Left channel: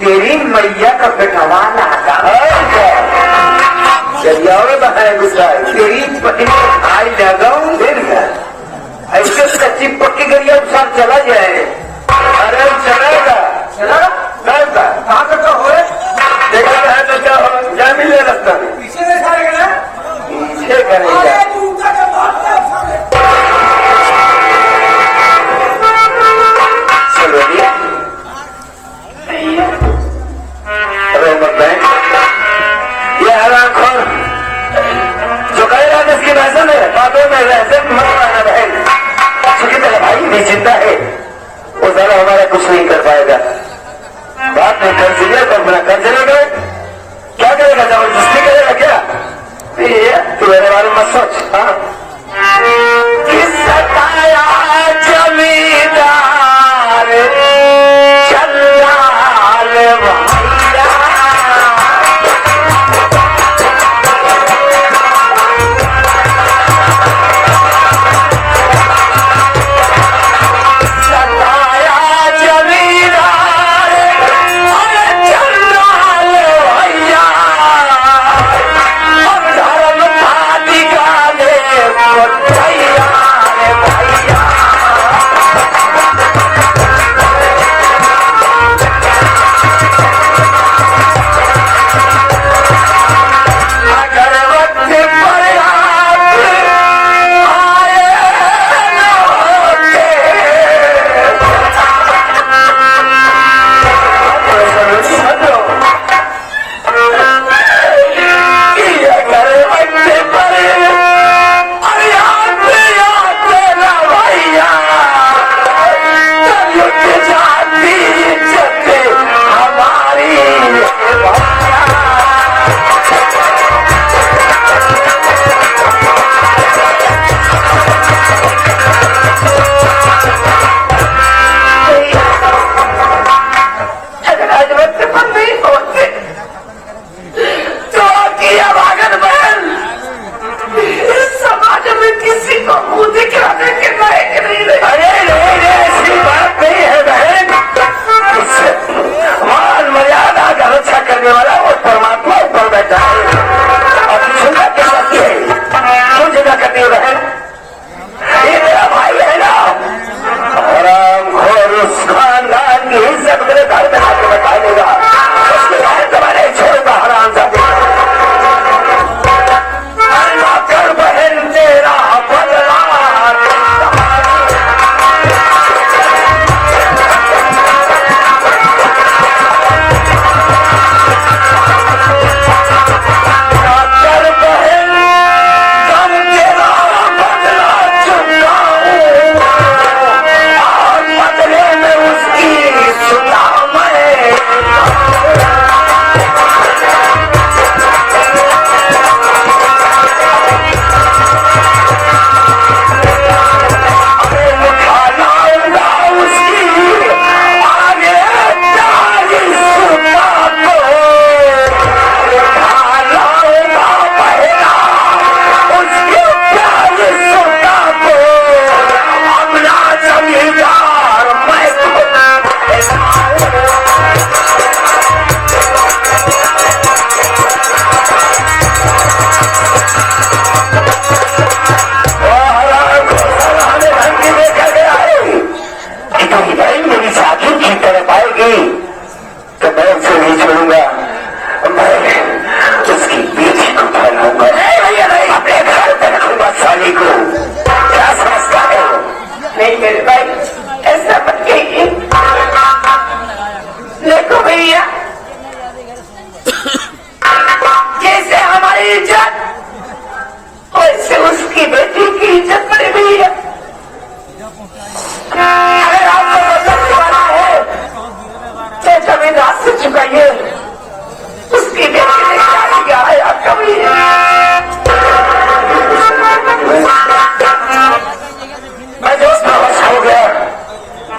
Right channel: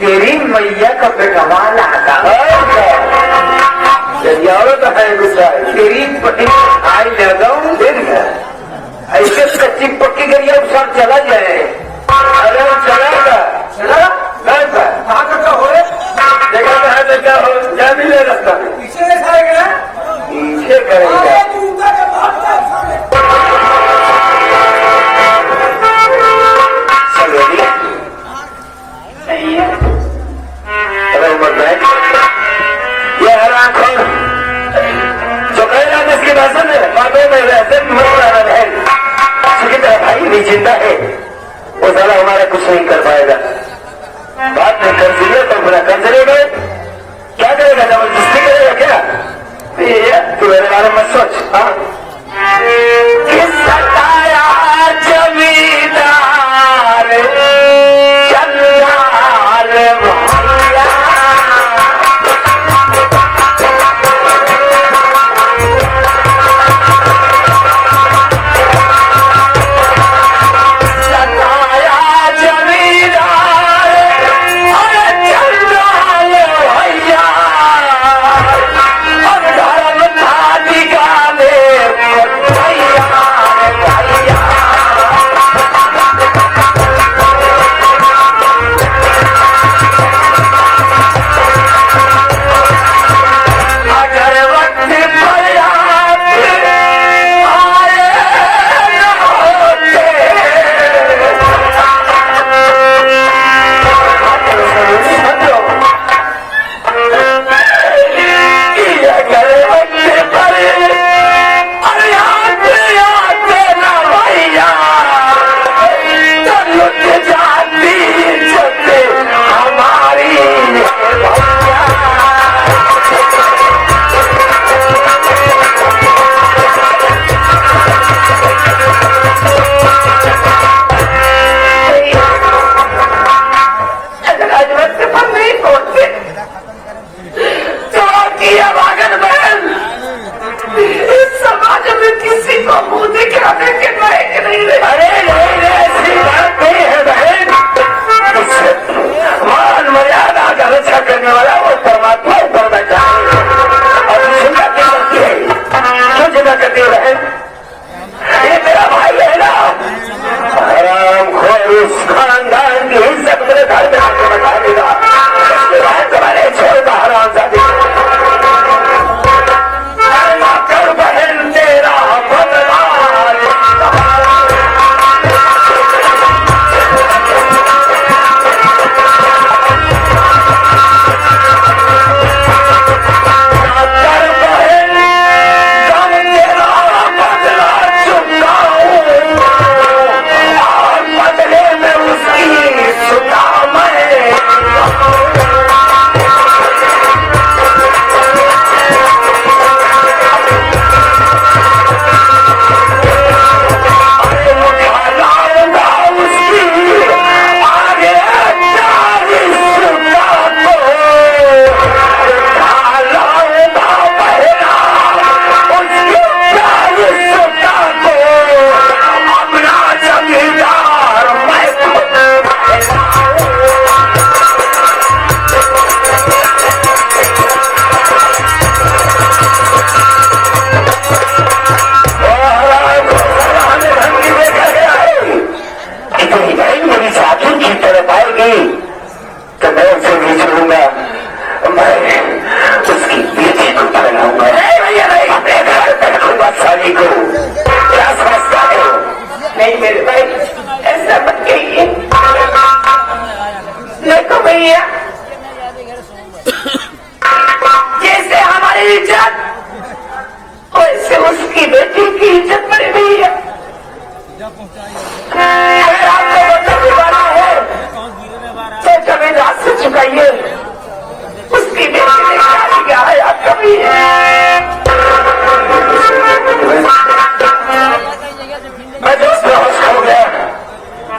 तेरी मैया का पेटवाल आता है तेरी पति आई लगाऊ ऐसे कच्ची पक्की गरिया सब चला जाए। अरे चलेगा चला कहाँ तक का हो देखा है तो क्या हो क्या मिल लगता है पीछे करेगा पीछे करेगा ये हराम खोर जो कह रहा है उसकी भाषा में बातों में वैसे मत रहा भाई चिकित है भाई भी जिंदा है वो साला हमारा कुछ नहीं कर पाएगा। बात में कर चुके तो पूरा कर चलेगा क्या करेगा जबरदस्ती करेगा क्या तू मेरे बारे में सोच। हाँ जमींदार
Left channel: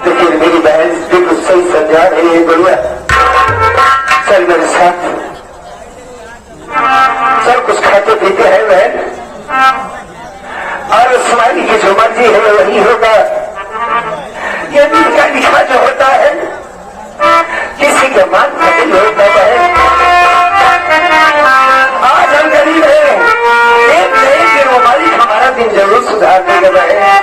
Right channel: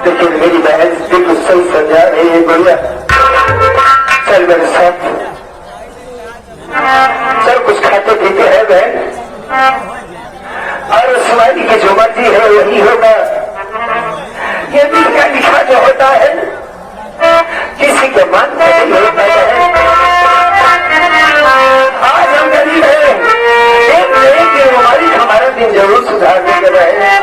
लेकिन मेरी बहन बिल्कुल सही समझा रही है भैया। चल मेरे साथ, सब कुछ खाते पीते हैं बहन, और सवारी की जो मर्जी है वही होगा। ये भी लिखा जो होता है किसी के मान का नहीं होता है। आज हम गरीब है, एक मेरे मोबाइल हमारा दिन जरूर सुधार देगा है।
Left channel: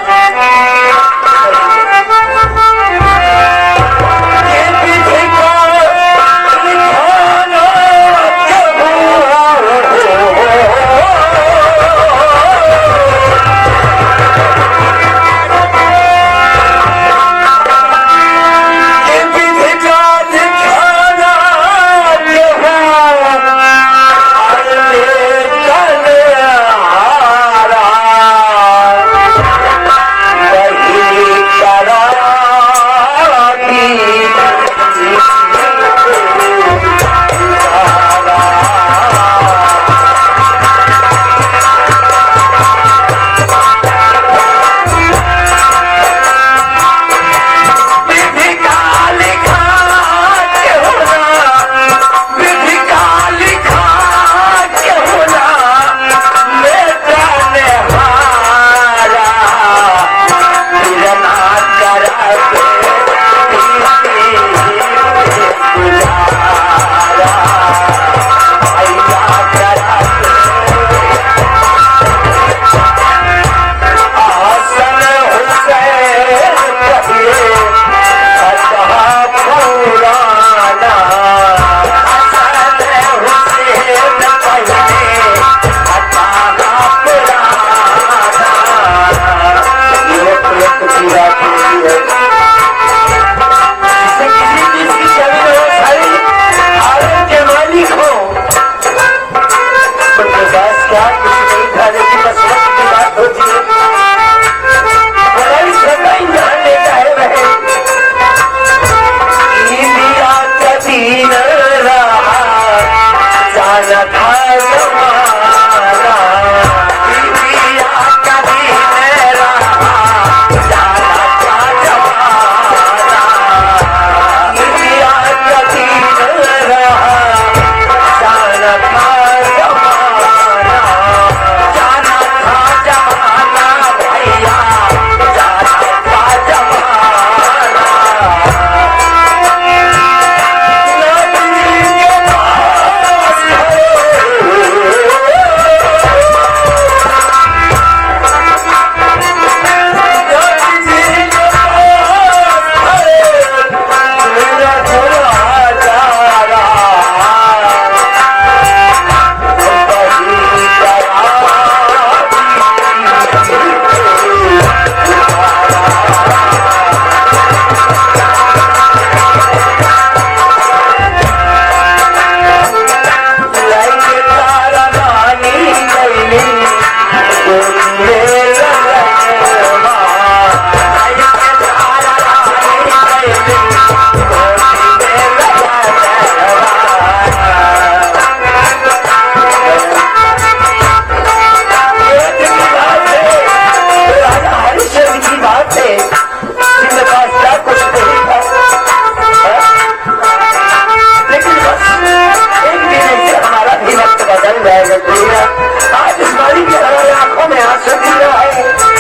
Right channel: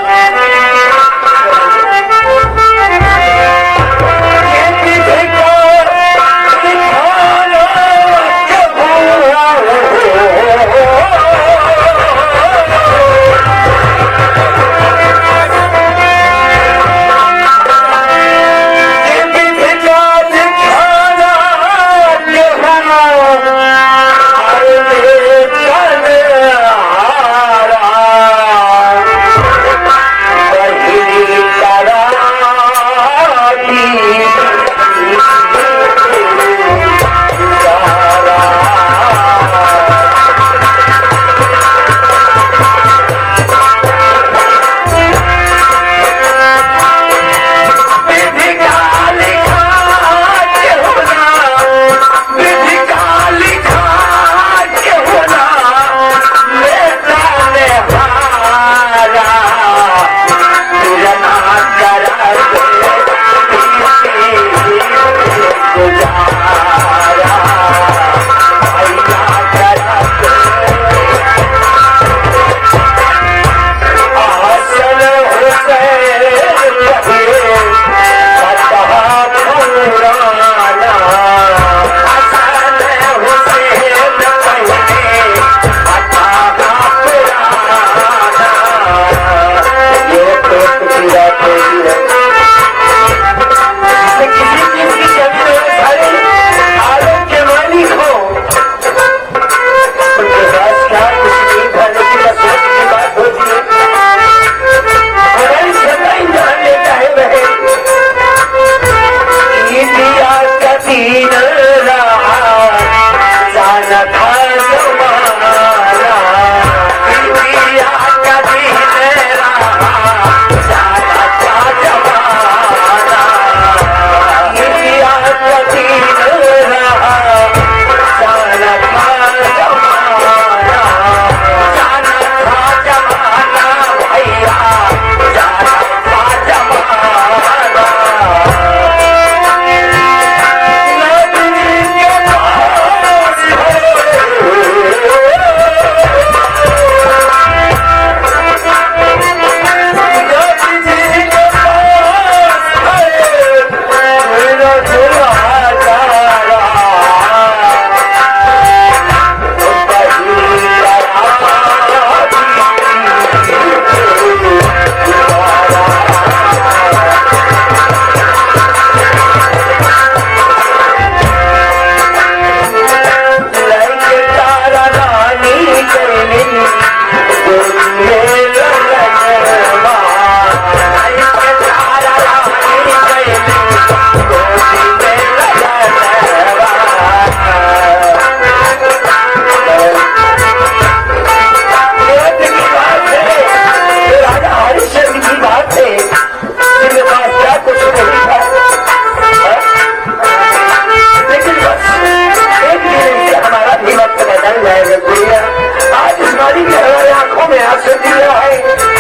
आज इस बारी के हमारे आंखों में आंसू गिर रहा है,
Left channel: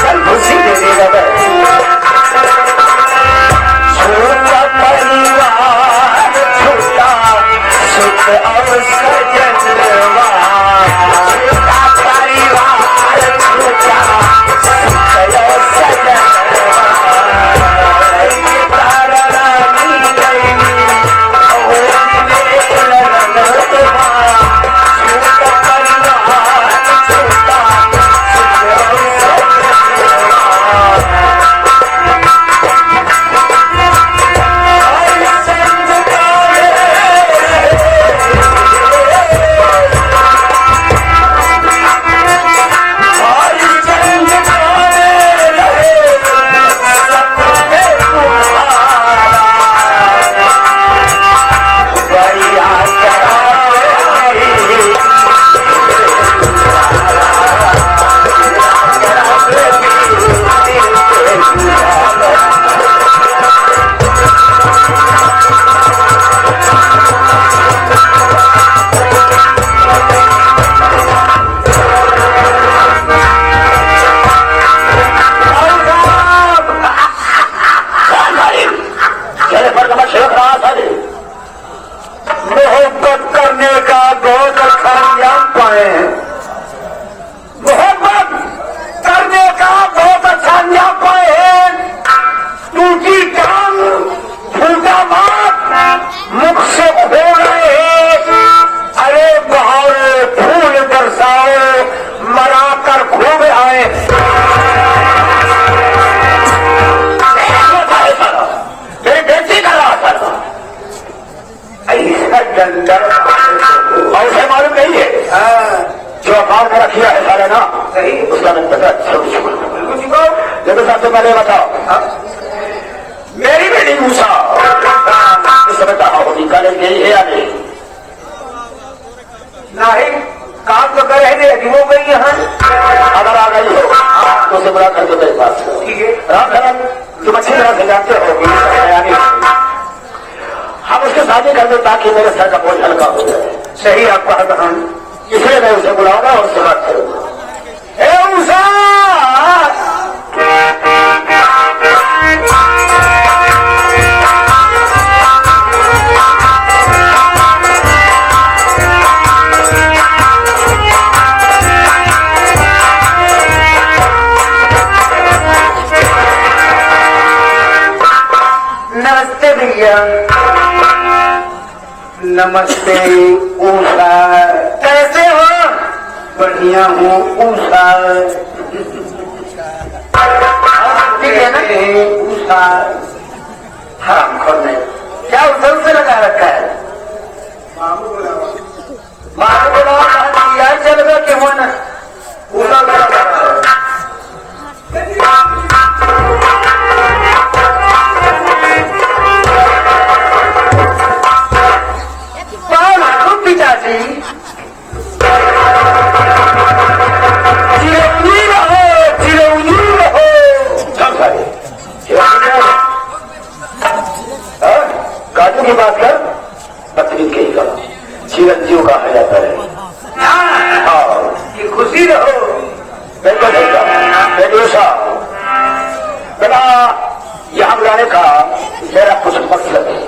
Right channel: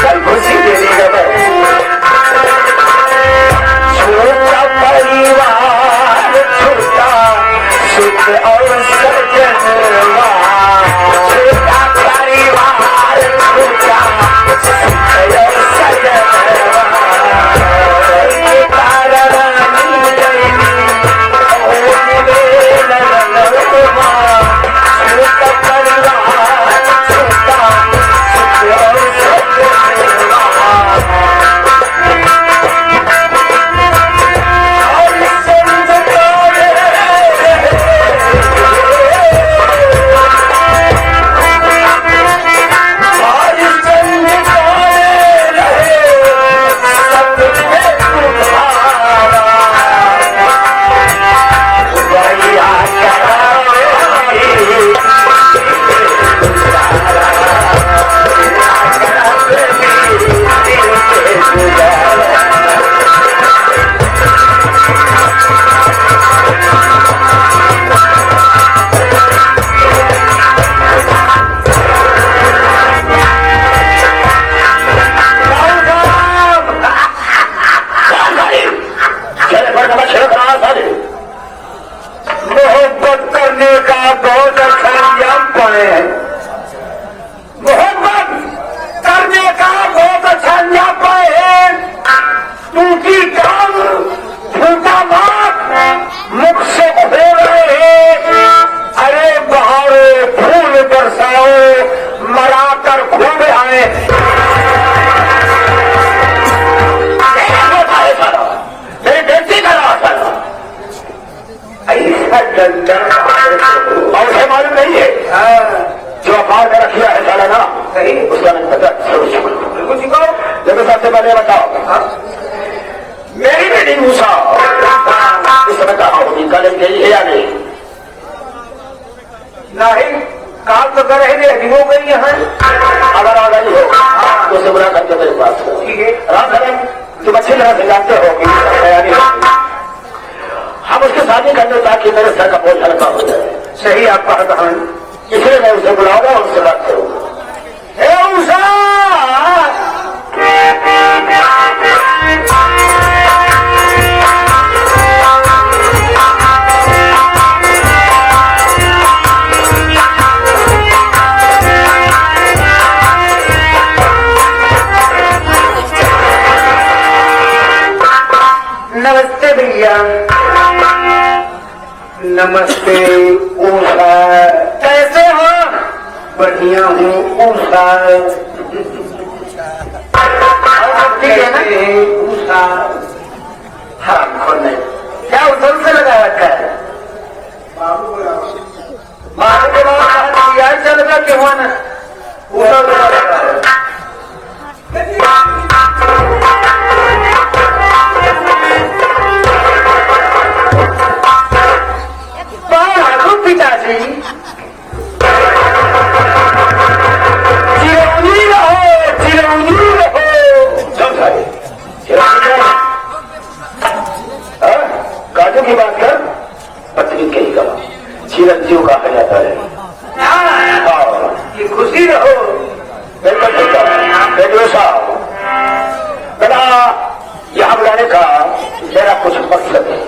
कल खुशी दे देगा बस। छोटा परिवार छोटा सुख और सजनवा, छोटा परिवार छोटा सुख और सजनवा, ऐसे मालूम नहीं है जो अखबार में रखिया है साले ना उसका नहीं पता। तो सबसे पहले बताओ मेरी बेटी मूसा इस समय कहा होगी कॉलेज गई है या नहीं? नहीं काम तो कर रहे थे अभी वो गई यहाँ अगर आ गई हो तो उसे बुला करके मेरे पास रामधरन तुम अच्छी तरह से जानते हो तैयारी हम उसके शादी कर दे ताकि मेरे सर का बोझ हल्का हो जाए। सही आपका हम इसलिए मैं उसे बुलाऊंगा और उससे बात करूंगा। नमस्ते भैया। नमस्ते ऊषा कैसे हो? बढ़िया हूँ ऊषा। ठीक है ना ऊषा? हाँ खुद नहीं क्या उधर से लगा रखा है? बाबू बोला यार चल गया कि मन उधर बोला पिताजी चिरंजी रहो चिरंजी रहो। काजू की बात कर पत्नी के ही करो चिरंजीव का होना पड़े खुशी रहो। बिल्कुल बेटा यहाँ बुलाने का मेरा कुछ मकसद है।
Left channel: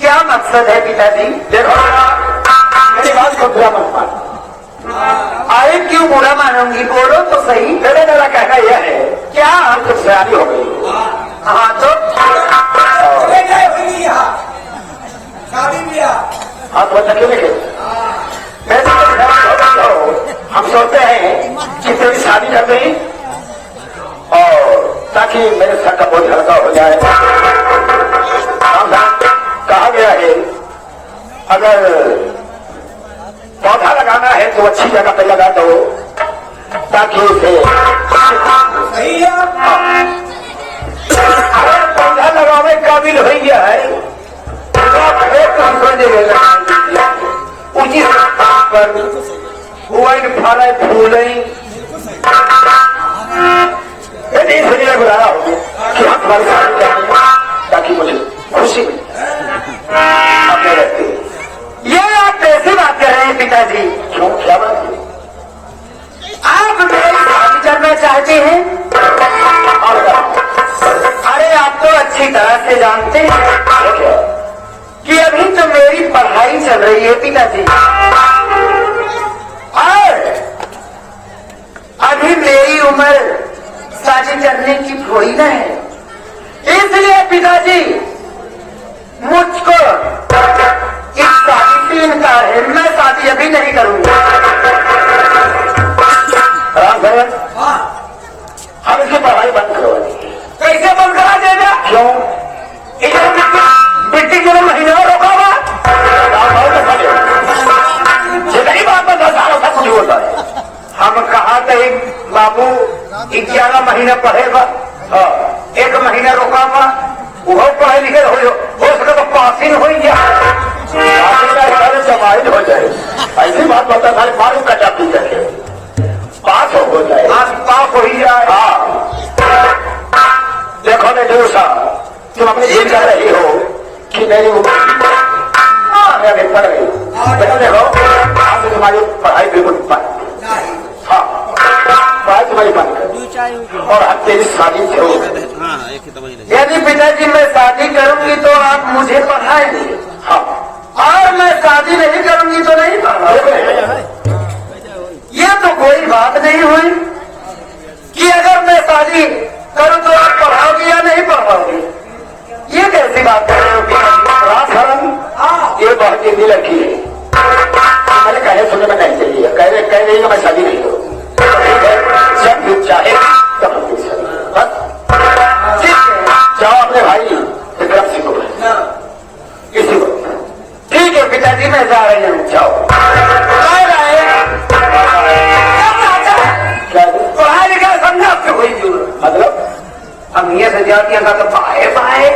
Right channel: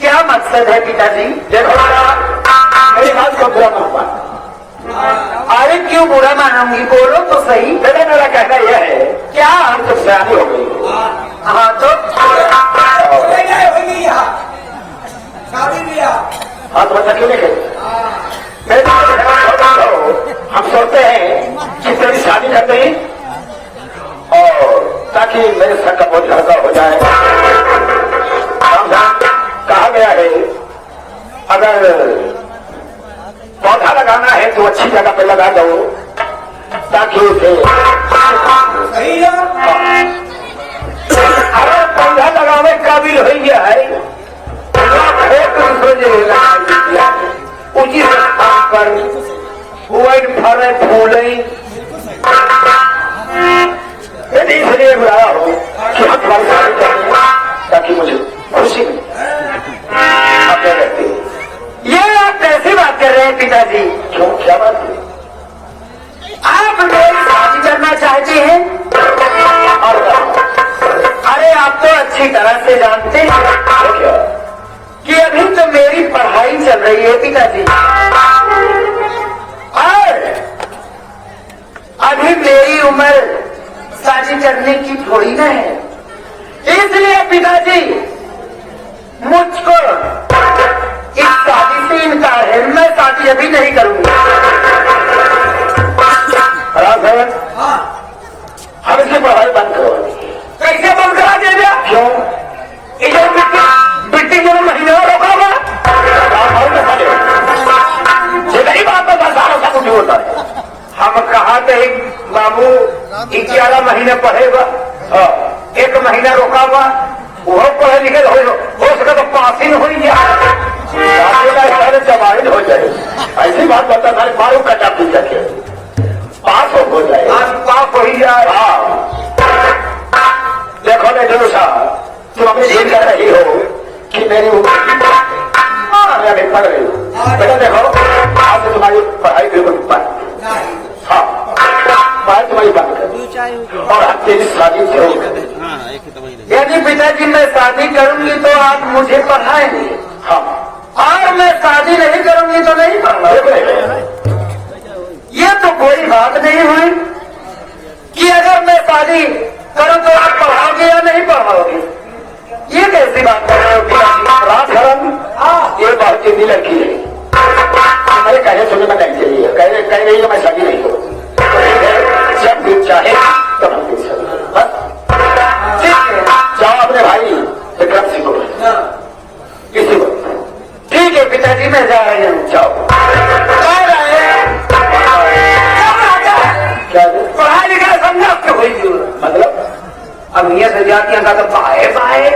क्या मकसद है पिताजी? देखो मेरी बात को बुरा मत मान। अरे क्यों बुरा मानूंगी बोलो तो सही। मेरा कहना यह है क्या हम कुछ सवाल हो गई। हाँ तो शादी लिया आप बता क्यों नहीं हम सोचते हैं कि तेरी शादी कर दें और ताकि मेरे सर का बोझ हल्का हो जाए। कहा गया है अगर पौधा लगाना है तो अच्छी जगह पे लगा दो ताकि उसे सही है। अगर पौधा लगाने काबिल हो गया है उचित कर फल फूले इसलिए बुलाया हो कि हम हर साल ताकि मुझे खुशी अपने रहते। ये आप कैसी बात कर रहे हैं पिताजी? क्यों क्या बात है? आप मेरी शादी करना चाहते हैं? और क्या? अरे आप तो अच्छी तरह से जानते हैं हो क्या? कि अभी तो मेरी पढ़ाई चल रही है पिताजी और अभी मेरी उम्र शादी करने की थोड़ी न है। इसलिए पिताजी मुझको इस शादी से इनकार है। मैं शादी अभी नहीं करूंगा। रामधरन हम इसकी पढ़ाई बंद करो। कैसे बंद करा देगा? क्यों? इधर मिट्टी मेरा महीना रोका हुआ। जितनी बात में 10 सालों का पूरी होता है। हम कहा कहीं बाबू 11 महीने पढ़ेगा। 1 महीना रोका हुआ वो पढ़े लिखे हो सके तो पास ही हो जाए। समाहित हो जाए ऐसी बात बता था मारू कटा पी करके पास हो जाए। पास हो ही जाए। हाँ देखो नहीं दोषा तुम अपनी ये कह रही हो कि नहीं पढ़ गई। देखो आज तुम्हारी पढ़ाई बिल्कुल बंद। हाँ पढ़ाई तुम्हारी बंद और हम तेरी शादी से हो। यदि पिताजी मैं शादी करूंगी तो आप मुझे पढ़ाएंगे। हाँ और मैं शादी नहीं करूंगी तो नहीं पढ़ाऊंगा। ये तो कोई बात नहीं हुई कि अगर मैं शादी करूं तो आप पढ़ाओगे या नहीं पढ़ाओगे। ये कैसी बात कर रहे हो रामधरन ये बात के लिए लड़की है मेरे कहने सुनने में नहीं चाहिए। कह रही है मैं शादी नहीं करूँ जब भी चाहे तब हम पूछ सकते। जाओ अपने भाई विक्रम सिंह को इसी को। ठीक है पिताजी मैं जा रही हूँ। जाओ। पढ़ा लिखा समझा आपसे कोई मतलब अब ये से जाती है तो बाए बाए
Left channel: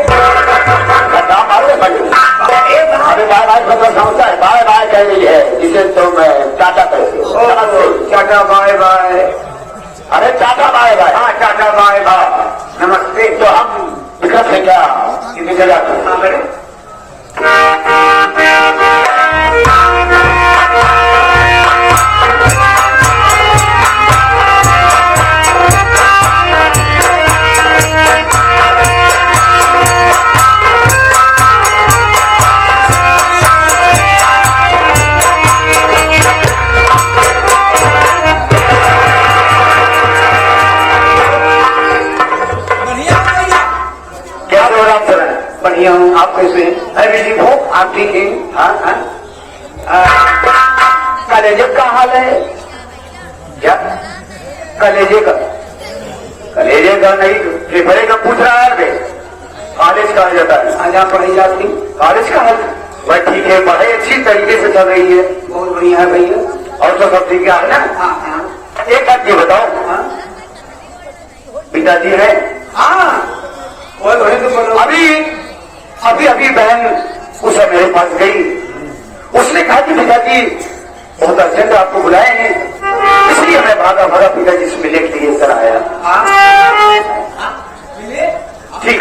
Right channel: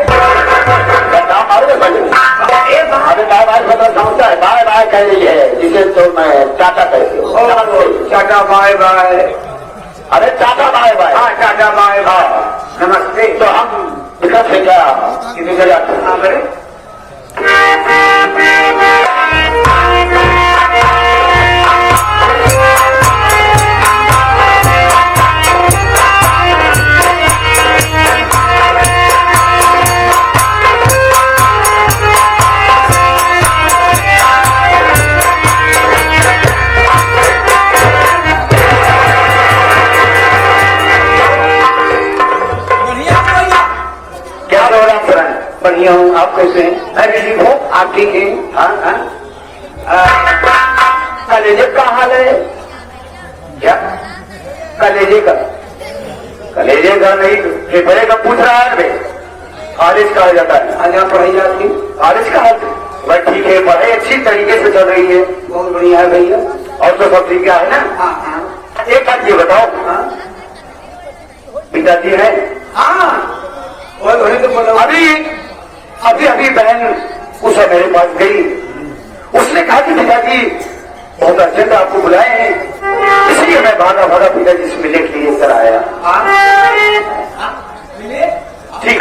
बताओ मारो अभी बाय बाय मतलब समझता है बाय बाय कह रही है इसे तो मैं टाटा कह रही टाटा बाय बाय। अरे टाटा बाय बाय। हाँ टाटा बाय बाय नमस्ते। तो हम विकट है क्या किसी से जाते हैं? हाँ मेरे बढ़िया हूँ। आप कैसे हैं? एवरीथिंग हो आप ठीक हैं? कलेजे का हाल है क्या? कलेजे का नहीं ये बड़े का पूछ रहा है कॉलेज कहा जाता है यहाँ पढ़ाई जाती कॉलेज का हाल भाई ठीक है पढ़ाई अच्छी तरीके से चल रही है बहुत बढ़िया है भैया और तो सब ठीक है ना। एक बात ये बताओ पिताजी है? हाँ अभी बहन उस मेरे पास गई उसने कहा कि पिताजी बहुत अर्जेंट आपको बुलाए हैं इसलिए मैं भागा भागा पिताजी से मिलने के लिए कर आया। ठीक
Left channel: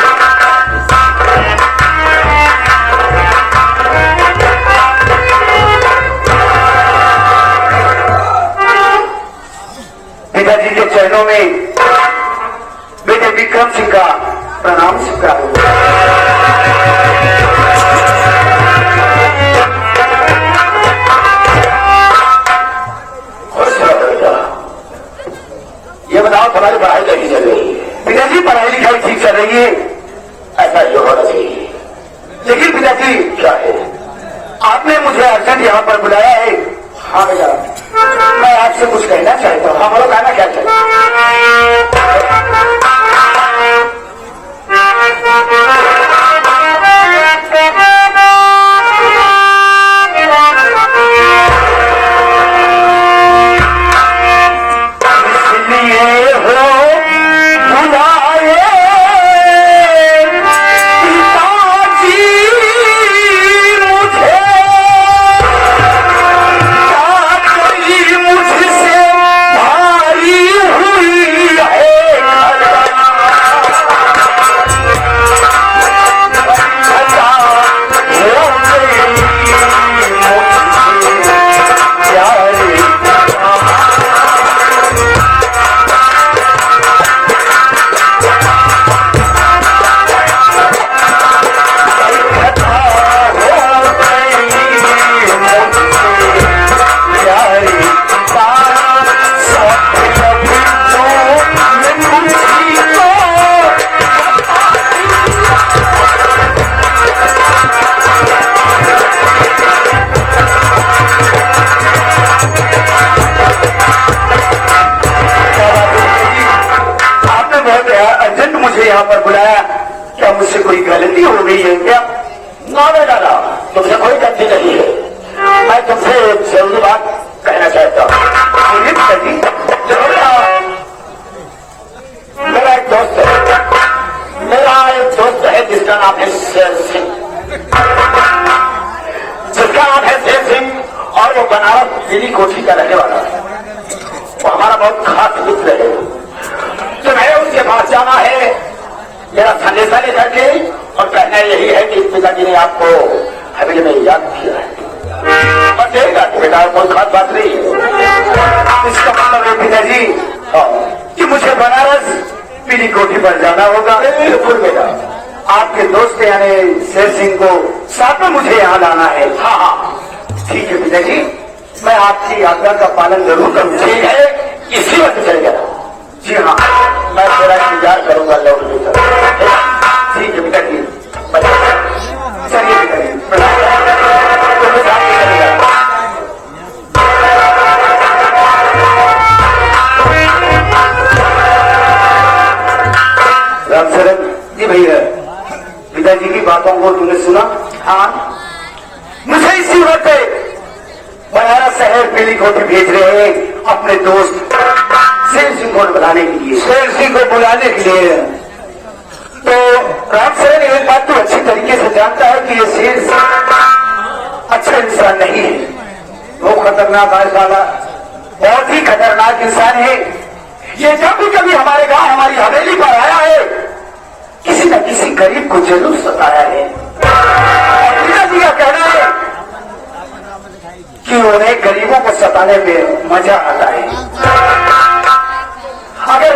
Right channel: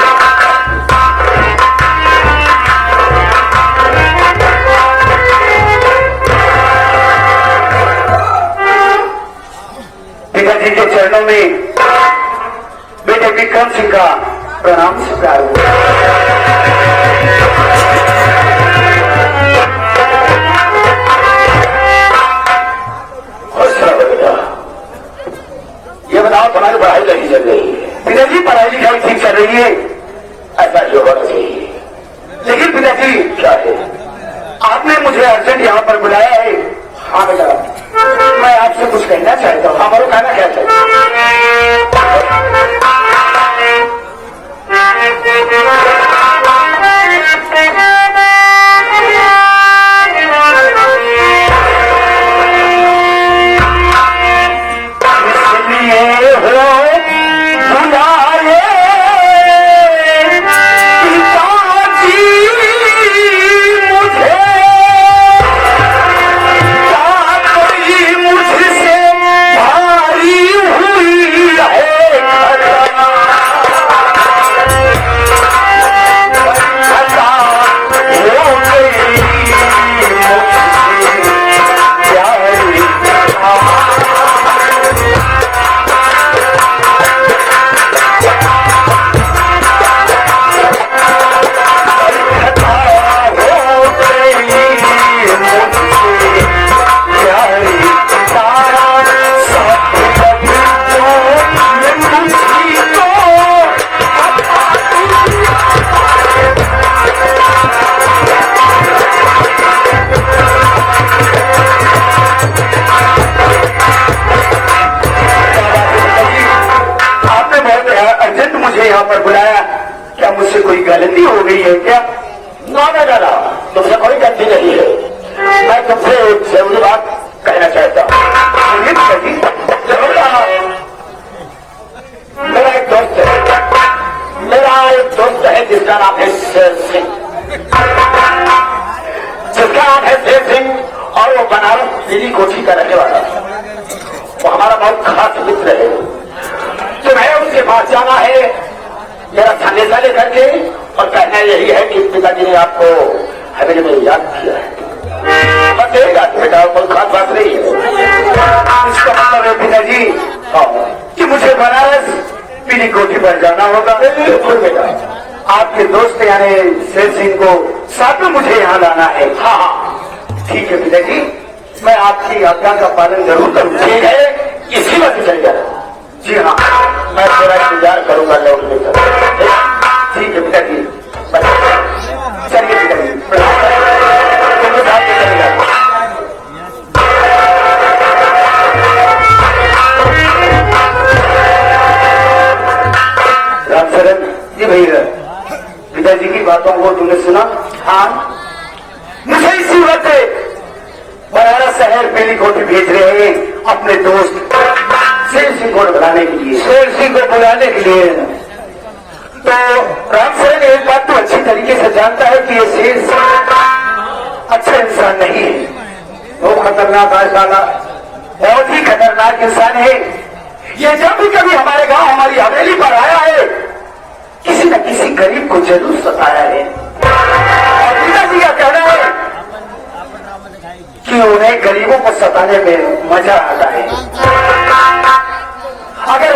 पिताजी के चरणों में बेटे विक्रम सिंह का प्रणाम स्वीकार। ये बताओ तुम्हारी पढ़ाई कैसी चल रही है? पिताजी पढ़ाई लिखाई ठीक चल रही है ऐसा ये होना चाहिए। लेकिन पिताजी क्या है आपने मुझे अर्जेंट यहाँ पर बुलाया है? हाँ बेटा मैं आपसे कुछ कहना चाहता हूँ। हमारा कहना क्या चाहिए? मुझसे कोई गलती हो गई है क्या? ना दादा तुमसे बड़ी गलती नहीं है। मैं तुमसे एक जरूरी बात कहना चाहता हूँ। मेरा एक दोस्त है जिसका नाम है शेर सिंह। और वो बनारस दिल्ली कोठी का रहने वाला है। वो हमारा बहुत खास मित्र है। तुम्हें उसके पास जाना है मेरा संदेशा लेकर के और कहना यही है कि पिताजी ने आपको हवेली में याद किया है। और नहीं बात बेटा कोई खास बात नहीं है। इसका मतलब है पिताजी कि मुझे बनारस पीली कोठी पर जाना होगा। बिल्कुल बेटा आपके दोस्त यानी शेर सिंह को साथ में मुझे यहाँ लाना है। हाँ ठीक है पिताजी मैं आपकी आज्ञा का पालन जरूर करूँ। ठीक है इसी वक्त चल जाना। जी हाँ मैं थोड़ा इंतजार करूंगा लौट में। ठीक है पिताजी चलिए रामचरण जी भैया पिताजी की बातों को तुमने सुना? हाँ मुझे इसी पीली कोठी भेज रहे हैं अपने दोस्त शेर सिंह को बुलाने के लिए। शेर सिंह को बुलाने के लिए। तो रामसेन एक बात तो अच्छी तरीके से जानता है कि ये शेर सिंह अच्छा इंसान नहीं है, वो खतरनाक है साला, बहुत ही खतरनाक इंसान है। ये जब भी कभी हमारे गांव हमारी हवेली पर आया है किसी न किसी गरीब को जरूर सताया है और मेरा कहना है कि उन्हें गरीबों को सताने में मजा आता है। अगर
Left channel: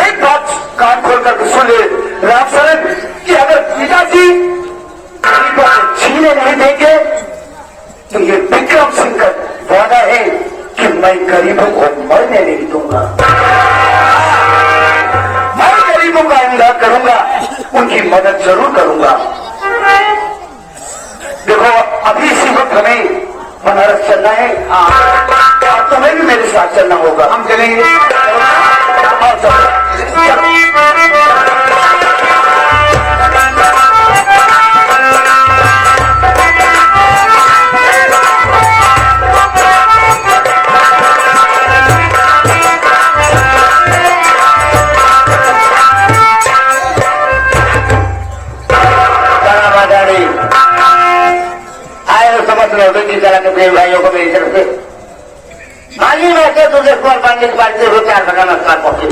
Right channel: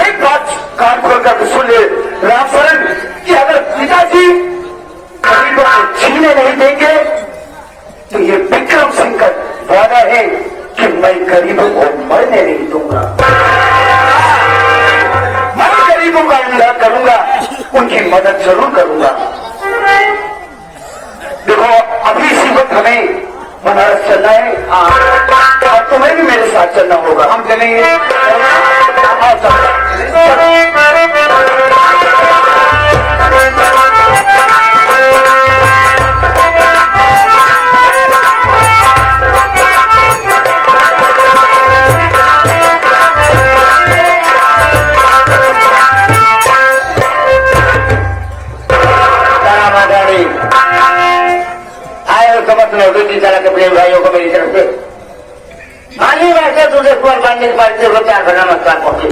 एक बात कान खोलकर सुन ले रामचरण कि अगर पिताजी गरीबों को छीने नहीं देंगे तो ये विक्रम सिंह का वादा है कि मैं गरीबों को मरने नहीं दूंगा, मैं गरीबों का अनुराग करूंगा, उनकी मदद जरूर करूंगा। देखो अभी इसी वक्त हमें बनारस चलना है और तुम्हें भी मेरे साथ चलना होगा। हम चलेंगे। प्रेम भाइयों को मेरी तरफ से मानी वैसे तुझे फोन बांधने के बाद से प्यार बना नमस्कार पहुंचे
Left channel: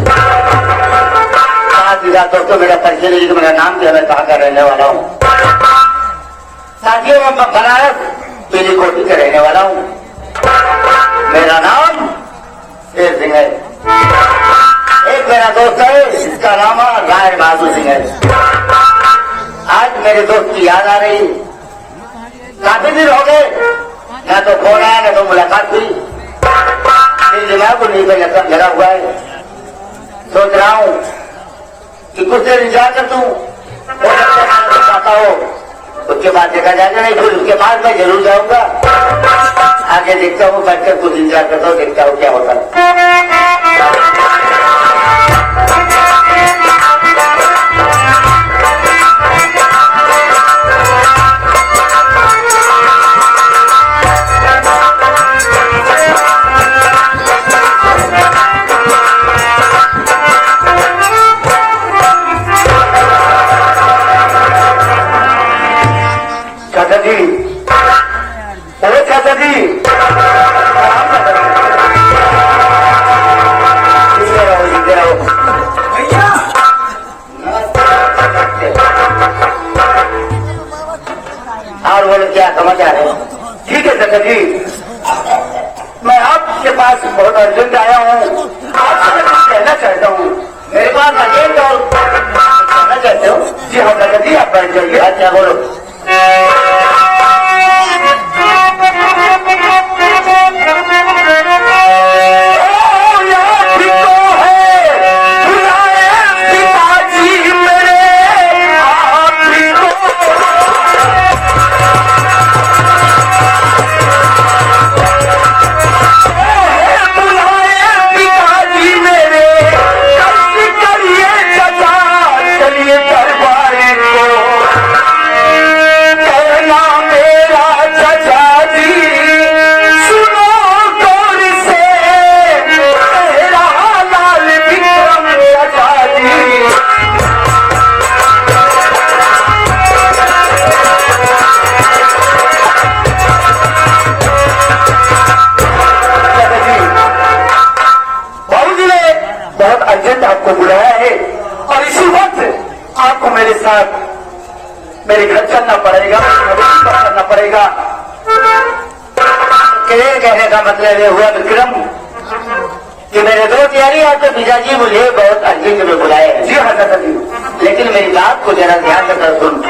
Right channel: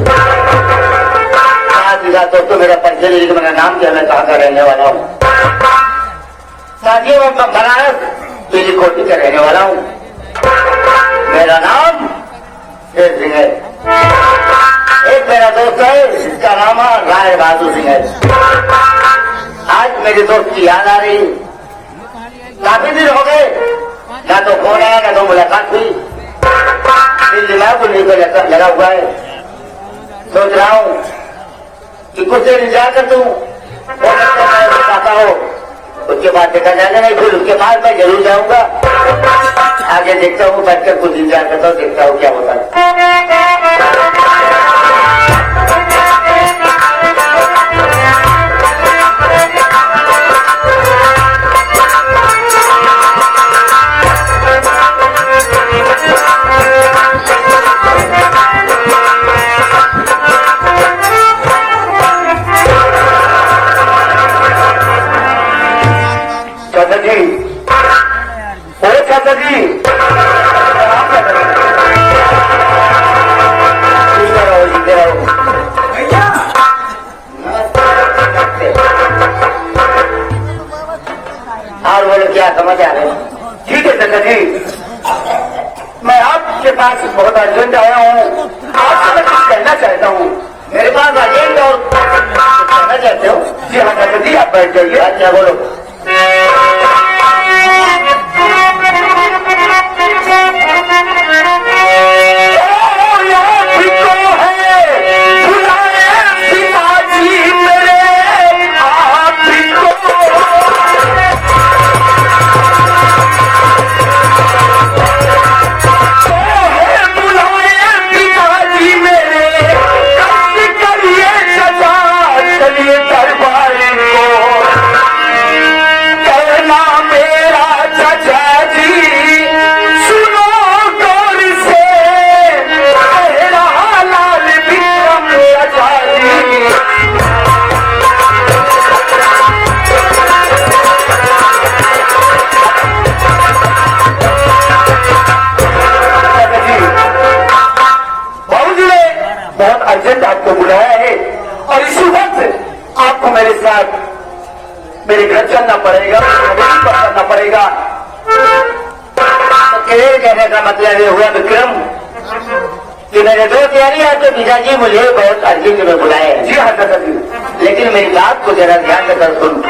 दिया तो मेरा परिचय नहीं तो मेरा नाम जो मैं कहाँ का रहने वाला हूँ। साथियों मैं बनारस पीली कोठी का रहने वाला हूँ। मेरा नाम शेर सिंह है। एक मेरा दोस्त है जिसका नाम राय बहादुर सिंह है। आज मेरे दोस्त की याद आ रही, काफी दिन हो गए, ना तो फोन आया ना तो मुलाकात हुई। इस दिमाग को नीचे लगा हुआ है। सोच रहा हूँ कि कुछ देर इंतजार कर दूं, हो सकता है मैं आता हो, उसके बाद देखा जाएगा, नहीं फिर उसके बाद मैं जरूर जाऊंगा। आगे देखता हूँ, बैठकर कुछ इंतजार करता हूँ, देखता हूँ क्या होता है। चाचा जी, ओ चाचा जी, और बोलो क्या समाचार है? ठीक है चाचा जी, मैं आपके पास बहुत अर्जेंट आया हूँ, आपसे मैं कुछ कहना चाहता हूँ। मेरे पास अर्जेंट और कहना चाहते हो? जी हाँ चाचा जी, आप बैठ जाइए। अच्छा बोलो। बहुत अर्जेंट आपको बुलाया है और इसी वक्त आपको मेरे साथ मेरे घर चलना पड़ेगा, करना पड़ेगा। कहने का मतलब ये हुआ विक्रम कि मेरे दोस्त यानी आपके पिताजी मुझे बहुत अर्जेंट में बुलाए हैं। जी हाँ चाचा जी, लेकिन मेरी बात को जरा ध्यान देकर सुन।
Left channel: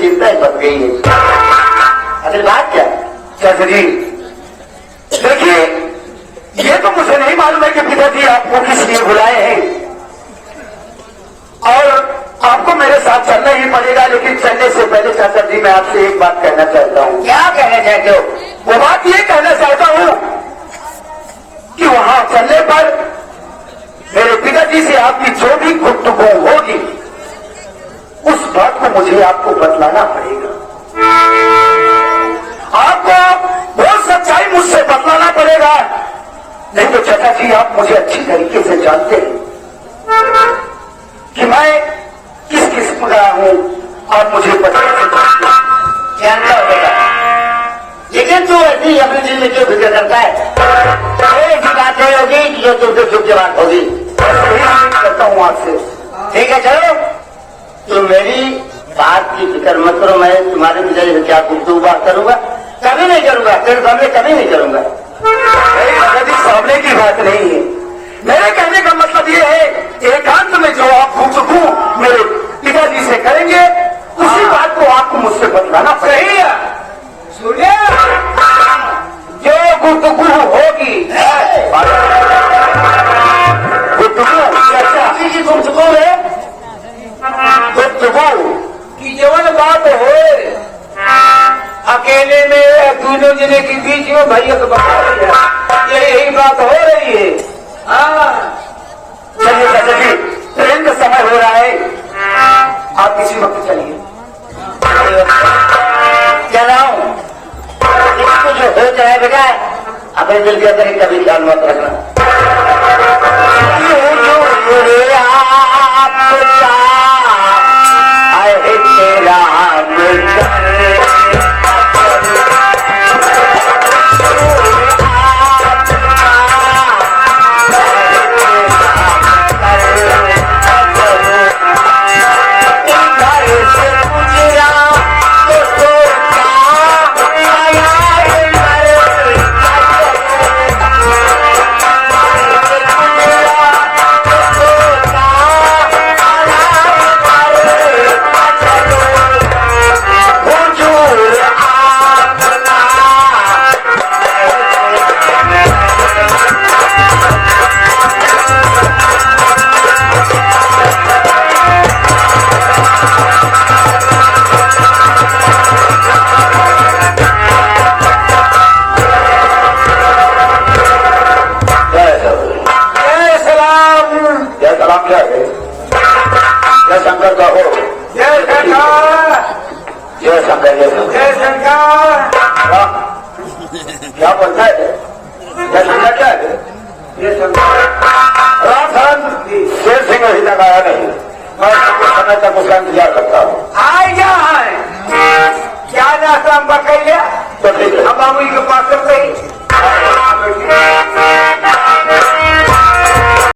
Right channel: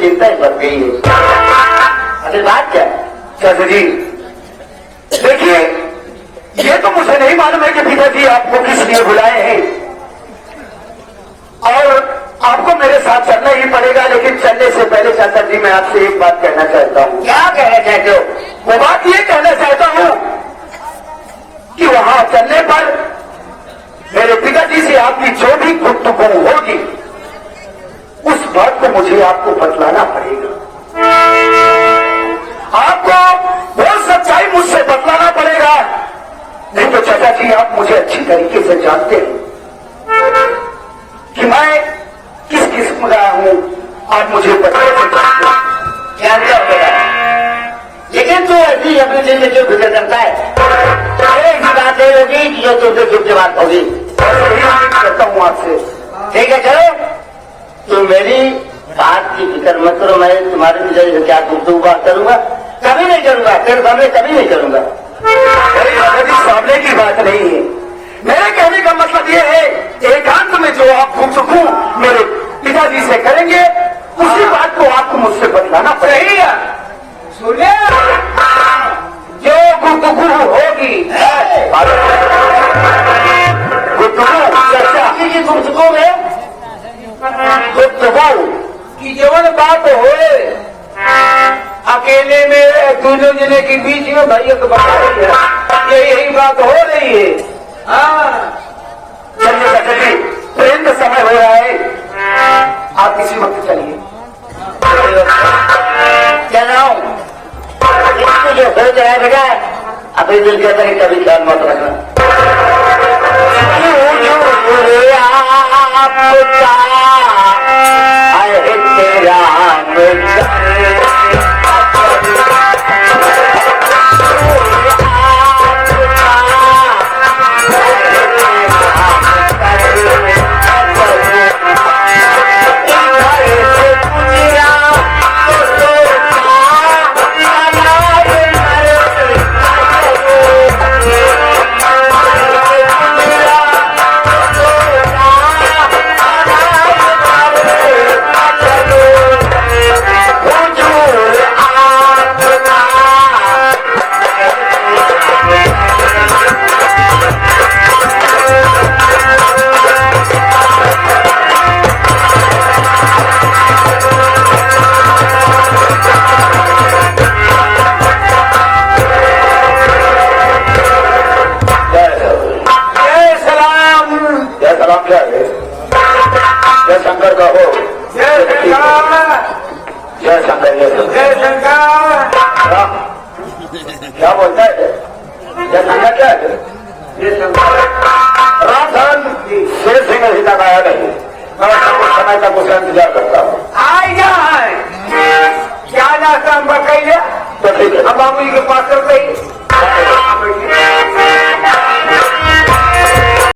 मेरी चिंता ही बढ़ गई है। अरे बात क्या चाचा जी, देखिए ये तो मुझे नहीं मालूम है कि पिताजी आपको किस लिए बुलाए हैं और आपको मेरे साथ चलना ही पड़ेगा, लेकिन चलने से पहले चाचा जी मैं आपसे एक बात कहना चाहता हूँ। क्या कहना चाहते हो? वो बात ये कहना चाहता हूँ कि वहां चलने पर मेरे पिताजी से आपकी जो भी गुफ्तगू होगी उस बात को मुझे आपको बतलाना पड़ेगा। आपको वो सच्चाई मुझसे बतलाना पड़ेगा, नहीं तो चाचा जी आप मुझे अच्छी तरीके से जानते हैं कि मैं किस किस्म का हूं, आप मुझे बता जानता होगा। लेकिन तो ऐसी अपने दिल में जो गुजर करता है ऐसी बात नहीं होगी जो तुमसे शुभ के बात होगी। करता हूं आपसे, ठीक है चलो, तो मेरी बात की फिक्र मत करो, मैं तुम्हारे मुझे क्या बात करूंगा, कभी नहीं करूंगा, तेरे सामने कभी नहीं करूंगा। सामने की बात नहीं है, मेरे कहने का मतलब ये है एकांत में जो आप गुफ्तगू मेरे पिताजी से करेंगे उसी बात को आपको मुझसे बतलाना पड़ेगा। सुनिए, जो गुफ्तगू होगी गुफ्तगू है, गुफ्तगू की जवन बात हो अकेले में दोनों जने के बीच में भैया को बता यही बात हो रही है। हाँ चलिए चाचा जी, ट्रेन का समय हो रहा है, आप किसी वक्त चलिए। कह रहा हूँ जो हो रहा है बेटा अपने दिल के अंदर कभी ख्याल मत रखना। शंकर का हो, जय शंकर, जय शंकर। क्या बोलता है? जय शंकर क्या है? राम शेर सिंह अभी तक आया नहीं, मैं समय तक उसका इंतजार करता हूँ। आए क्या है? क्या नाश्ता हम बताइए?